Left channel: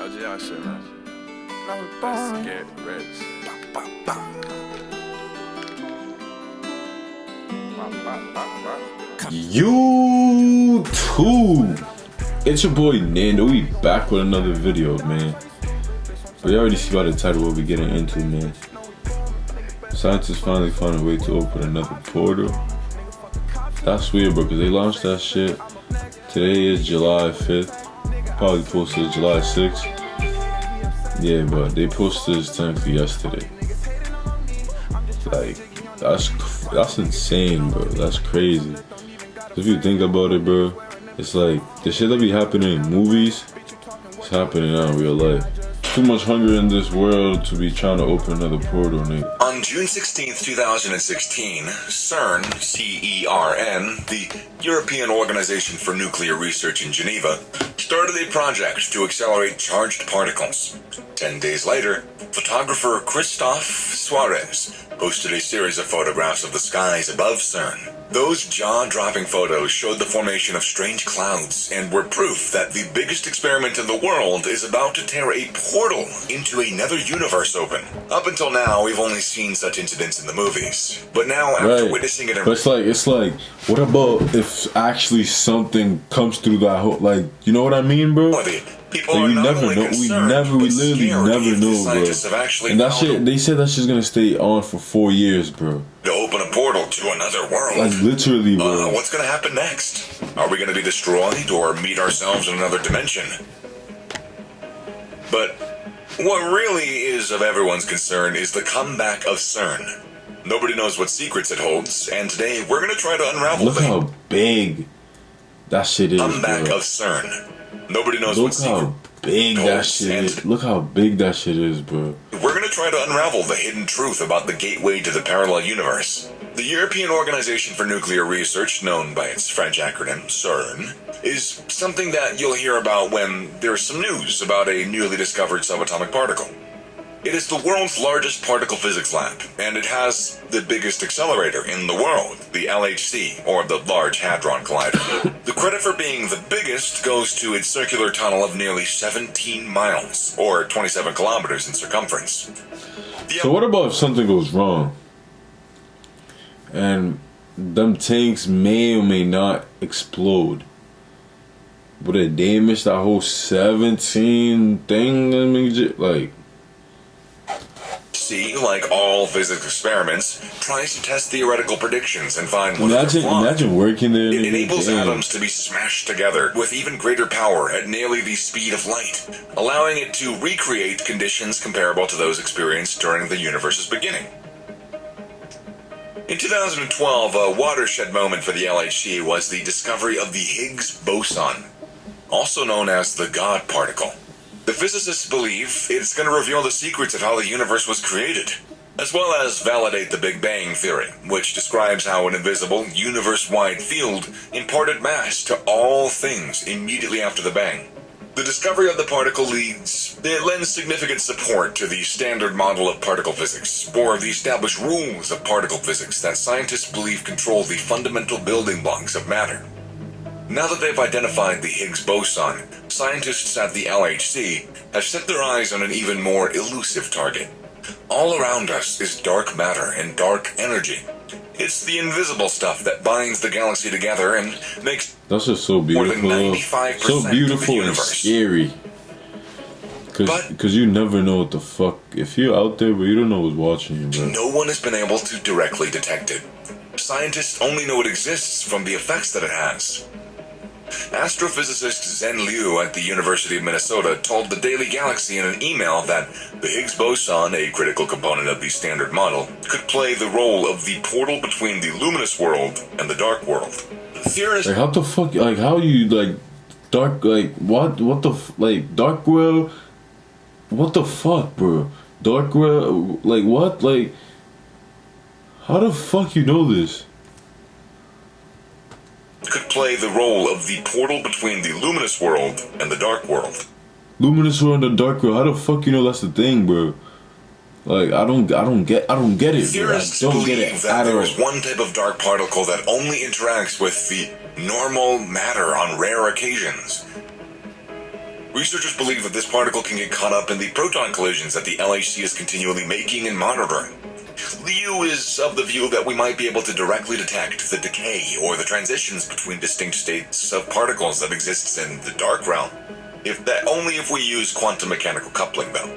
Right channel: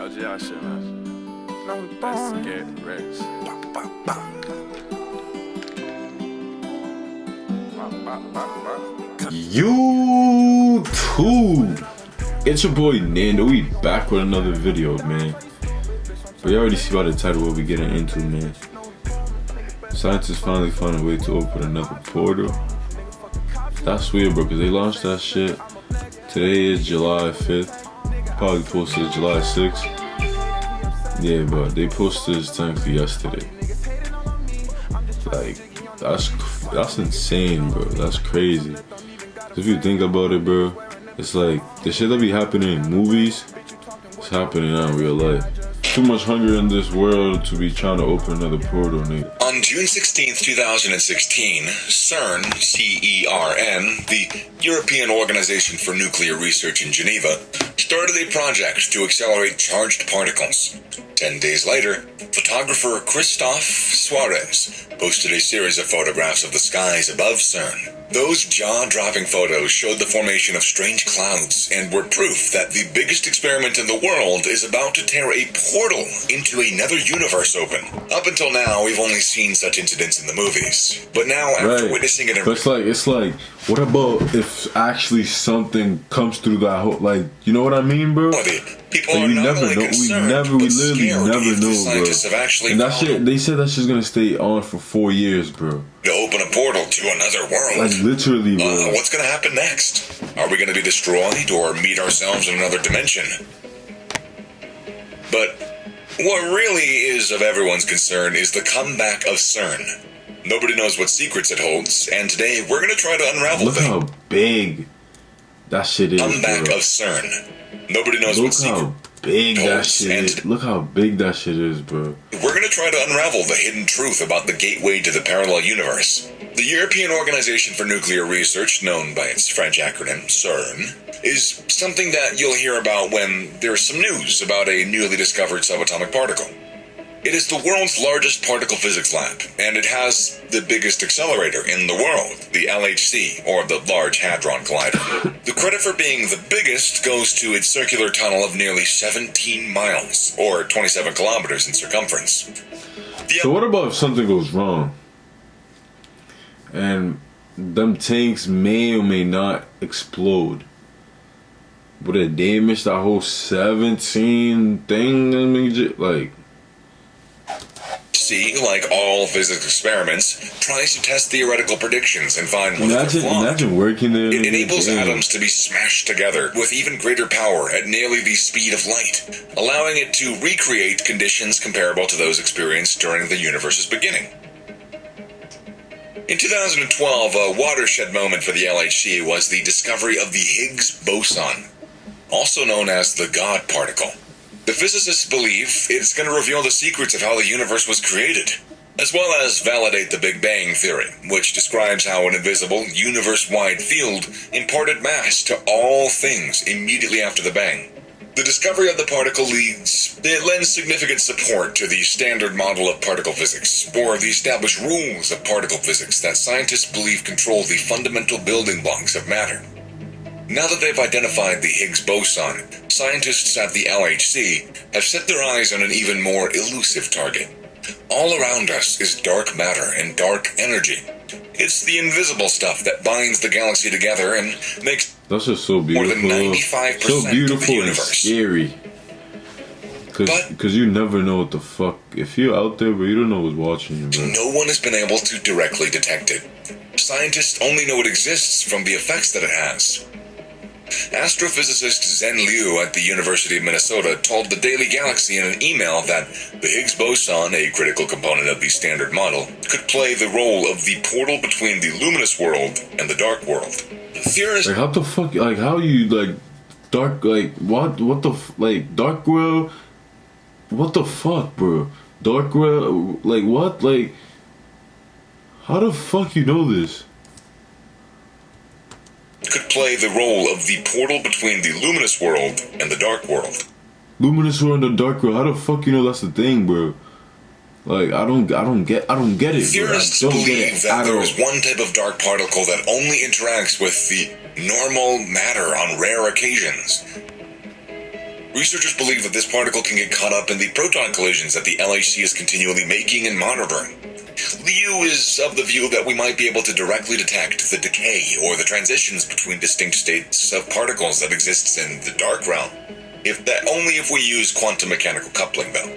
LGR shit, man. Let's get rich. YouTube, it's your boy Nando. We back with another video, man. But you already see by the title what we getting into, man. Scientists finally found a way to open another portal. That's weird, bro, because they launched that shit. Today is July 5th. Probably posted July 6th. Yeah, but they posted this thing for yesterday. Like, that's insane, bro. That's crazy. If you think about it, bro, it's like the shit that be happening in movies, it's happening now in real life. Too much hunger in this world to be trying to open another portal, nigga. On June 16th, 2016, CERN, C-E-R-N, the European Organization for Nuclear Research in Geneva, started a project to accelerate charged particles. 10 days later, photographer Christophe Suarez posted a series of photographs of the skies above CERN. Those jaw-dropping photos showed the formation of strange clouds and were proof that the biggest experiment in the world is about to tear a portal into another universe open. Up until now, we've only seen such incidents in the movies. But now, after witnessing it in... But it's like, what about if actually something comes through that whole, like, you know what I mean, bro? People like, are we not never only know. concerned, We but literally scared never if the know, scientists bro. have actually And that found shit, they said that shit's gonna stay on for 4 years, bro. to open a portal to another world. Like, literally, bro. What's gonna happen next? Are we gonna be destroyed or meet ourselves in another dimension? But what really is of everyone's concern is the comeback of CERN. Nobody knows what secrets it holds, and today we're gonna try to unravel Look how big that shit is, comeback bro. of CERN. Nobody knows Look what secret how big that shit is. Look how big that shit is, bro. We're going to try to unravel the hidden truth about the gateway to the parallel universe. The European Organization for Nuclear Research, known by its French acronym CERN, is something that you'll hear about when there's some news about a newly discovered subatomic particle. It is the world's largest particle physics lab, and it has the biggest accelerator in the world, the LHC, or the Large Hadron Collider. The credit for being the biggest goes to its circular tunnel of nearly 17 miles, or 27 kilometers in circumference. So what about if something goes wrong? And them tanks may or may not explode. Would it damage that whole 17 thing? I mean, like... Like all physics experiments, tries to test theoretical predictions and find what they're flawed. Imagine working there. It enables atoms to be smashed together with even greater power at nearly the speed of light, allowing it to recreate conditions comparable to those experienced during the universe's beginning. In 2012, a watershed moment for the LHC was the discovery of the Higgs boson, also known as the God particle. The physicists believe it's going to reveal the secrets of how the universe was created, as well as validate the Big Bang Theory, which describes how an invisible, universe-wide field imparted mass to all things immediately after the bang. The discovery of the particle lends significant support to the standard model of particle physics, or the established rules of particle physics that scientists believe control the fundamental building blocks of matter. Now that they've identified the Higgs boson, scientists at the LHC have set their eyes on an even more elusive target. All around us is dark matter and dark energy. It's the invisible stuff that binds the galaxy together and makes that's just so beautiful. More than 95% so beautiful of the and universe. scary. Because you never know what the fuck. If you're out there, but you don't know what's watching you, bro. No one has been able to directly detect it. Scientists only know it exists from the effects that it has. Astrophysicist Zhen Liu at the University of Minnesota told the Daily Galaxy in an email that the Higgs boson, a critical component of the standard model, could play the role of the portal between the luminous world and the dark world. Theorists... Like, how the fuck, like, how you, like, dark, like, what the, like, dark world, what the fuck, bro? Dark world, like, what? Like, how the fuck you know this? Could play the role of the portal between the luminous world and the dark world. Luminous world and the dark world. How the fuck you know that's the thing, bro? Like, I don't get it, bro. Theorists believe that there is one type of dark particle that only interacts with the normal matter on rare occasions. Researchers believe that this particle can get caught up in the proton collisions that the LHC is continually making and monitoring. Liu is of the view that we might be able to directly detect the decay or the transitions between distinct states of particles that exists in the dark realm. Only if we use quantum mechanical coupling, though.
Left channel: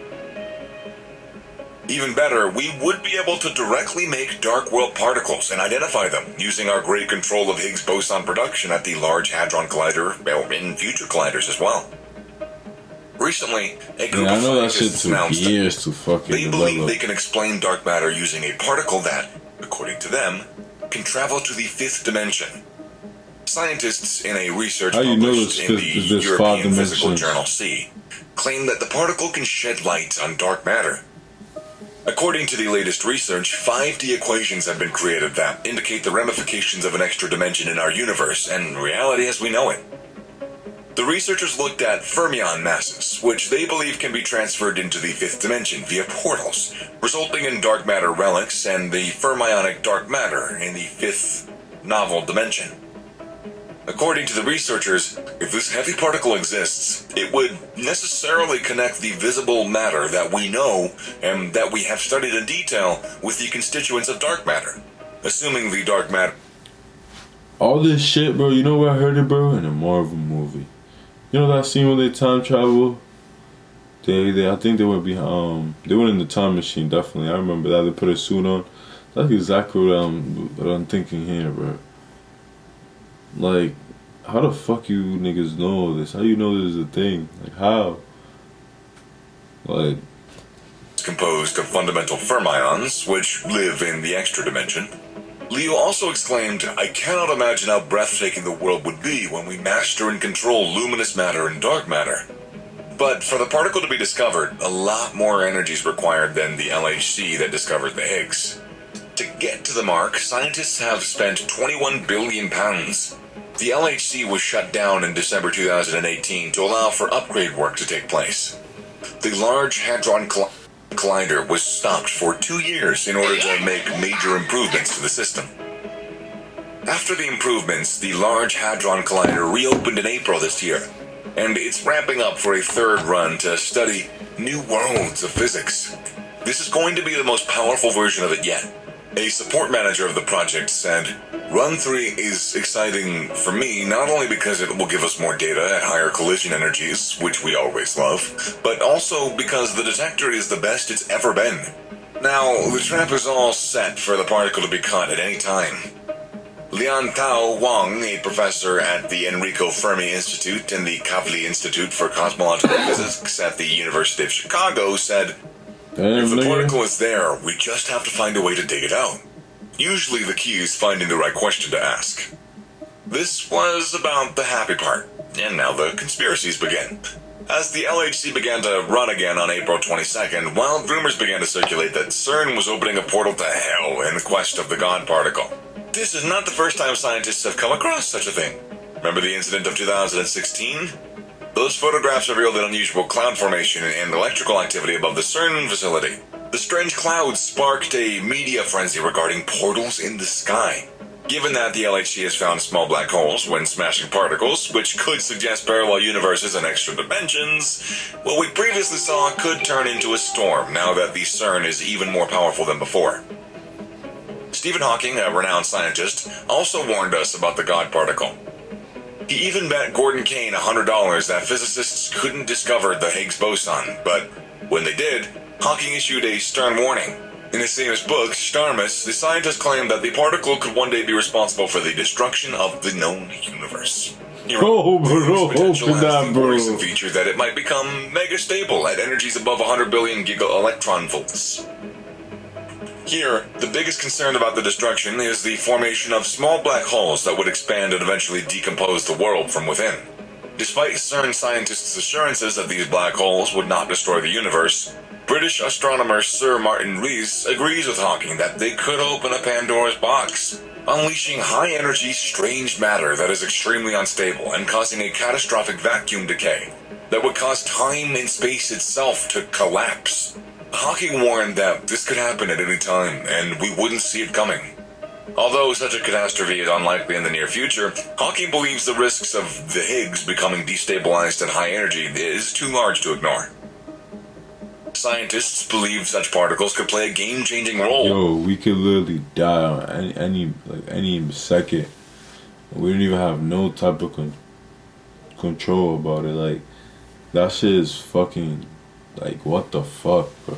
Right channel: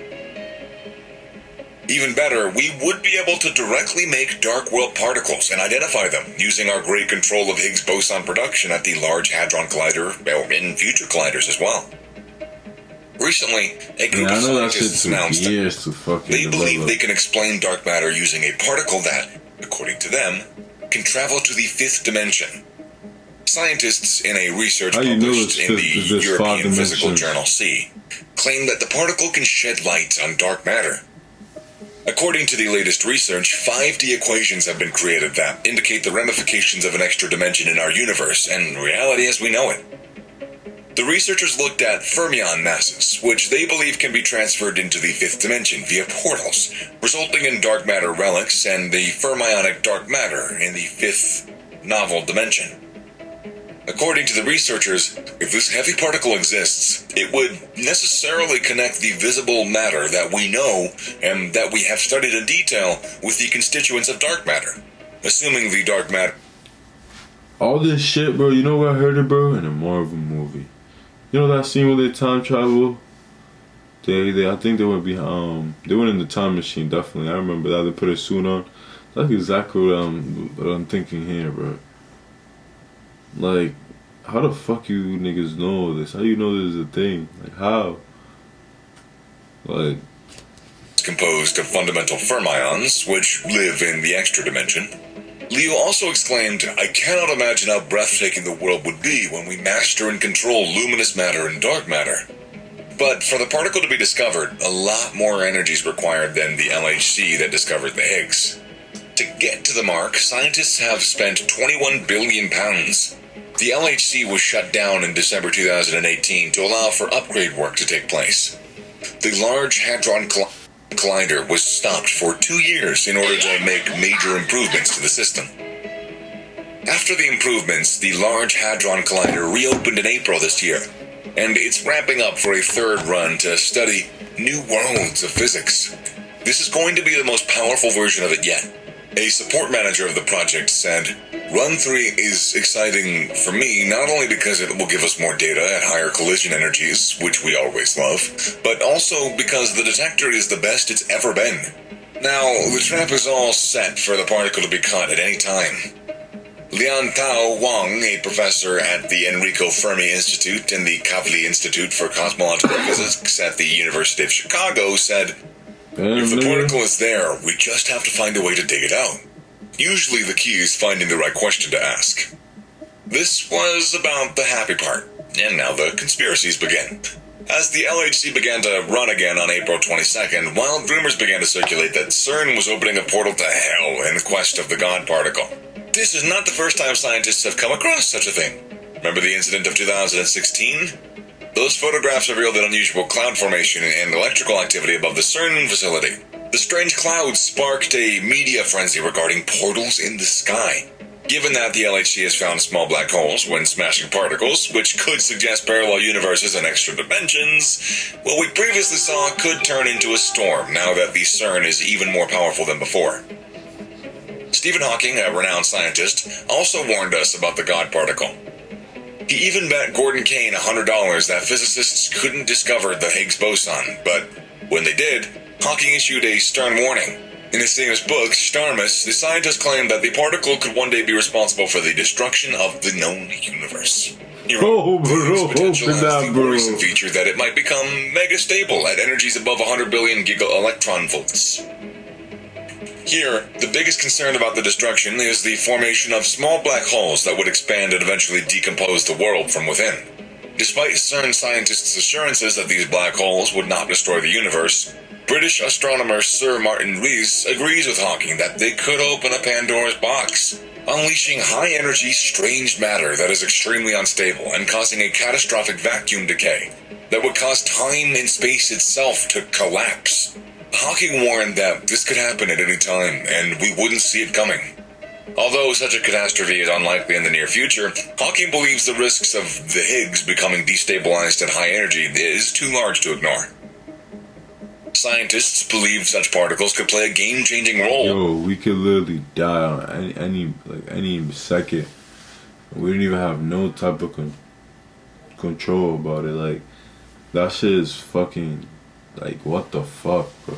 Even better, we would be able to directly make dark world particles and identify them using our great control of Higgs boson production at the Large Hadron Collider, or in future colliders as well. Recently, a group of scientists announced that they believe they can explain dark matter using a particle that, according to them, can travel to the fifth dimension. Scientists in a research published in the European Physical Journal C claim that the particle can shed light on dark matter. According to the latest research, 5D equations have been created that indicate the ramifications of an extra dimension in our universe and reality as we know it. The researchers looked at fermion masses, which they believe can be transferred into the fifth dimension via portals, resulting in dark matter relics and the fermionic dark matter in the fifth novel dimension. According to the researchers, if this heavy particle exists, it would necessarily connect the visible matter that we know and that we have studied in detail with the constituents of dark matter, assuming the dark matter. All this shit, bro, you know where I heard it, bro? In a Marvel movie. You know that scene where they time travel? I think they went behind, they went in the time machine, definitely. I remember that. They put a suit on. That's exactly what I'm thinking here, bro. Like, how the fuck you niggas know this? How you know this is a thing? Like, how? Like, it's composed of fundamental fermions, which live in the extra dimension. Leo also exclaimed, "I cannot imagine how breathtaking the world would be when we master and control luminous matter and dark matter." But for the particle to be discovered, a lot more energy is required than the LHC that discovered the Higgs. To get to the mark, scientists have spent £21 billion. The LHC was shut down in December 2018 to allow for upgrade work to take place. The Large Hadron Collider was stopped for 2 years in order to make major improvements to the system. After the improvements, the Large Hadron Collider reopened in April this year, and it's ramping up for a third run to study new worlds of physics. This is going to be the most powerful version of it yet. A support manager of the project said, "Run 3 is exciting for me not only because it will give us more data at higher collision energies, which we always love, but also because the detector is the best it's ever been. Now, the trap is all set for the particle to be caught at any time." Liantao Wang, a professor at the Enrico Fermi Institute and the Kavli Institute for Cosmological Physics at the University of Chicago, said, "If the particle is there, we just have to find a way to dig it out. Usually the key is finding the right question to ask." This was about the happy part, and now the conspiracies begin. As the LHC began to run again on April 22nd, wild rumors began to circulate that CERN was opening a portal to hell in quest of the God particle. This is not the first time scientists have come across such a thing. Remember the incident of 2016? Those photographs revealed an unusual cloud formation and electrical activity above the CERN facility. The strange clouds sparked a media frenzy regarding portals in the sky. Given that the LHC has found small black holes when smashing particles, which could suggest parallel universes and extra dimensions, what we previously saw could turn into a storm now that the CERN is even more powerful than before. Stephen Hawking, a renowned scientist, also warned us about the God particle. He even bet Gordon Kane $100 that physicists couldn't discover the Higgs boson, but when they did, Hawking issued a stern warning. In his famous book, Starmus, the scientist claimed that the particle could one day be responsible for the destruction of the known universe. He wrote, potential has the worrisome feature that it might become mega-stable at energies above 100 billion giga-electron volts. Here, the biggest concern about the destruction is the formation of small black holes that would expand and eventually decompose the world from within. Despite CERN scientists' assurances that these black holes would not destroy the universe, British astronomer Sir Martin Rees agrees with Hawking that they could open a Pandora's box, unleashing high-energy, strange matter that is extremely unstable and causing a catastrophic vacuum decay that would cause time and space itself to collapse. Hawking warned that this could happen at any time, and we wouldn't see it coming. Although such a catastrophe is unlikely in the near future, Hawking believes the risks of the Higgs becoming destabilized at high energy is too large to ignore. Scientists believe such particles could play a game-changing role. Yo, we could literally die on any second. We don't even have no type of control about it. Like, that shit is fucking, like, what the fuck, bro?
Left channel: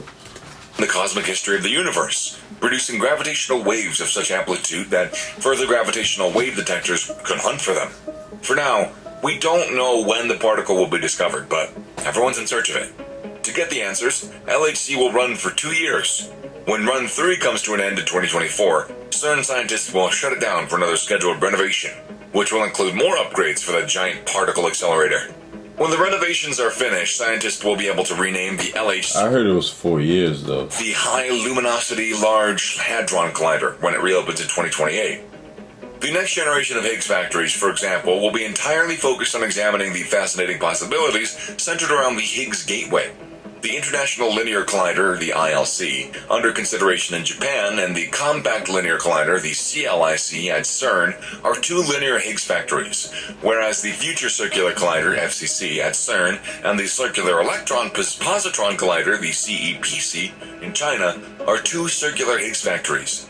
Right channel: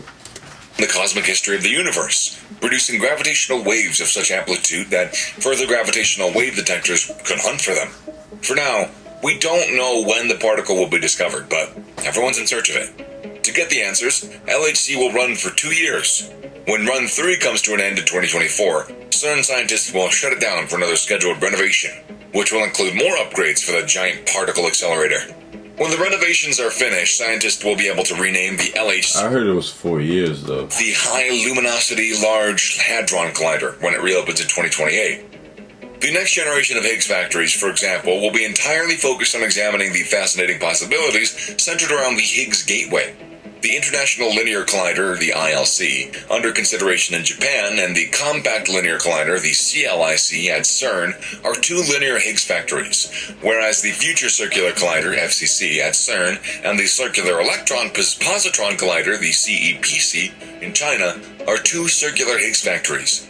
The cosmic history of the universe, producing gravitational waves of such amplitude that further gravitational wave detectors can hunt for them. For now, we don't know when the particle will be discovered, but everyone's in search of it. To get the answers, LHC will run for 2 years. When Run 3 comes to an end in 2024, CERN scientists will shut it down for another scheduled renovation, which will include more upgrades for the giant particle accelerator. When the renovations are finished, scientists will be able to rename the LHC. I heard it was 4 years, though. The High Luminosity Large Hadron Collider when it reopens in 2028. The next generation of Higgs factories, for example, will be entirely focused on examining the fascinating possibilities centered around the Higgs Gateway. The International Linear Collider, the ILC, under consideration in Japan, and the Compact Linear Collider, the CLIC, at CERN, are 2 linear Higgs factories, whereas the Future Circular Collider, FCC, at CERN, and the Circular Electron Positron Collider, the CEPC, in China, are 2 circular Higgs factories.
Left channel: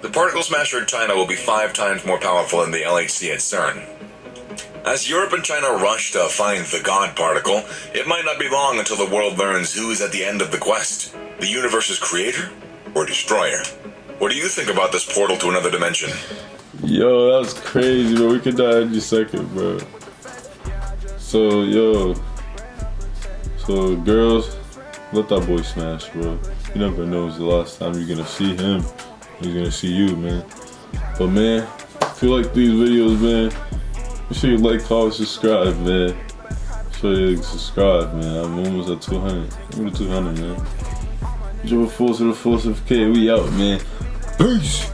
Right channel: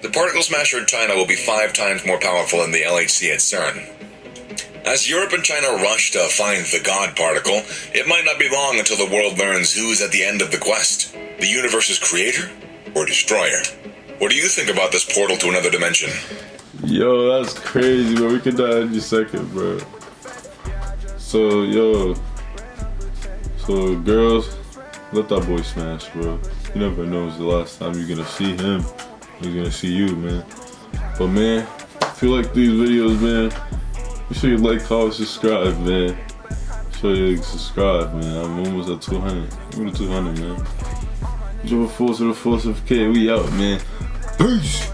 The particle smasher in China will be 5 times more powerful than the LHC at CERN. As Europe and China rush to find the God particle, it might not be long until the world learns who's at the end of the quest, the universe's creator or destroyer. What do you think about this portal to another dimension? Yo, that's crazy, bro. We could die any second, bro. So, girls, let that boy smash, bro. You never know it's the last time you're gonna see him. He's gonna see you, man. But, man, if you like these videos, man, make sure you like, comment, subscribe, man. Make sure you subscribe, man. I'm almost at 200. I'm at 200, man. Drop a force to the force of K. We out, man. Peace.